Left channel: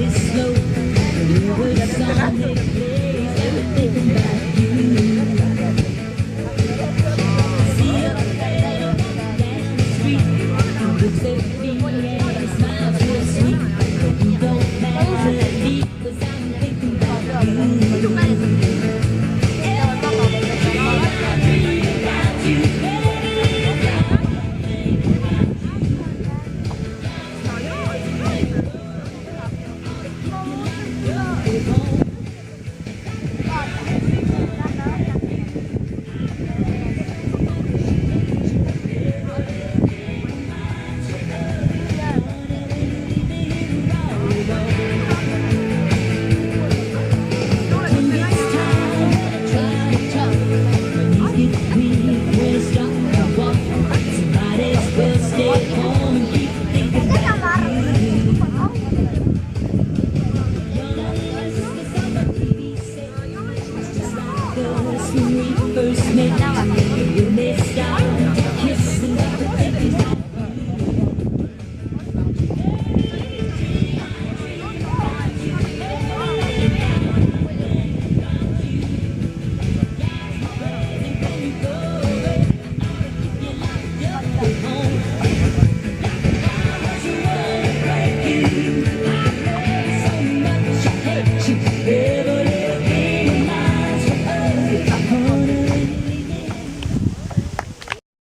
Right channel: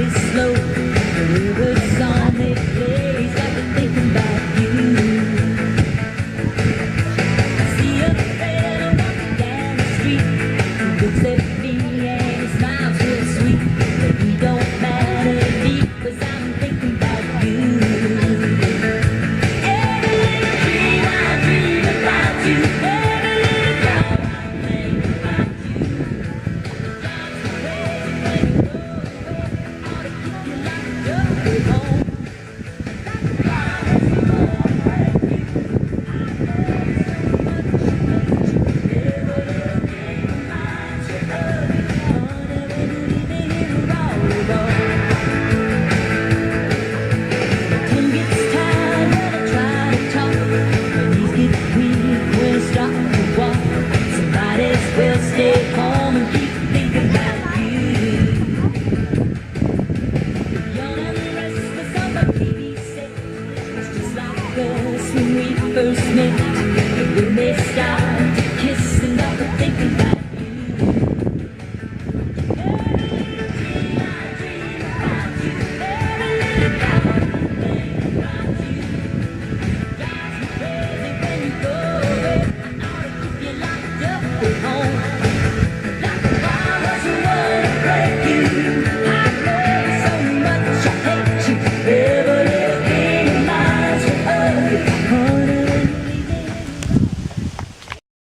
this slow. Wherever song they play, got me thinking about you. See a fellow walking down the street, he looks at me and he smiles real sweet. But he don't matter to me, 'cause I'm thinking about you. Every little dream I dream about you. Every little thought I think about you. Stay home and keep thinking about you. Young and restless on the TV set, it's just like us when we first met. When they start to kiss and got to thinking about you. Every little dream I dream about you. Every little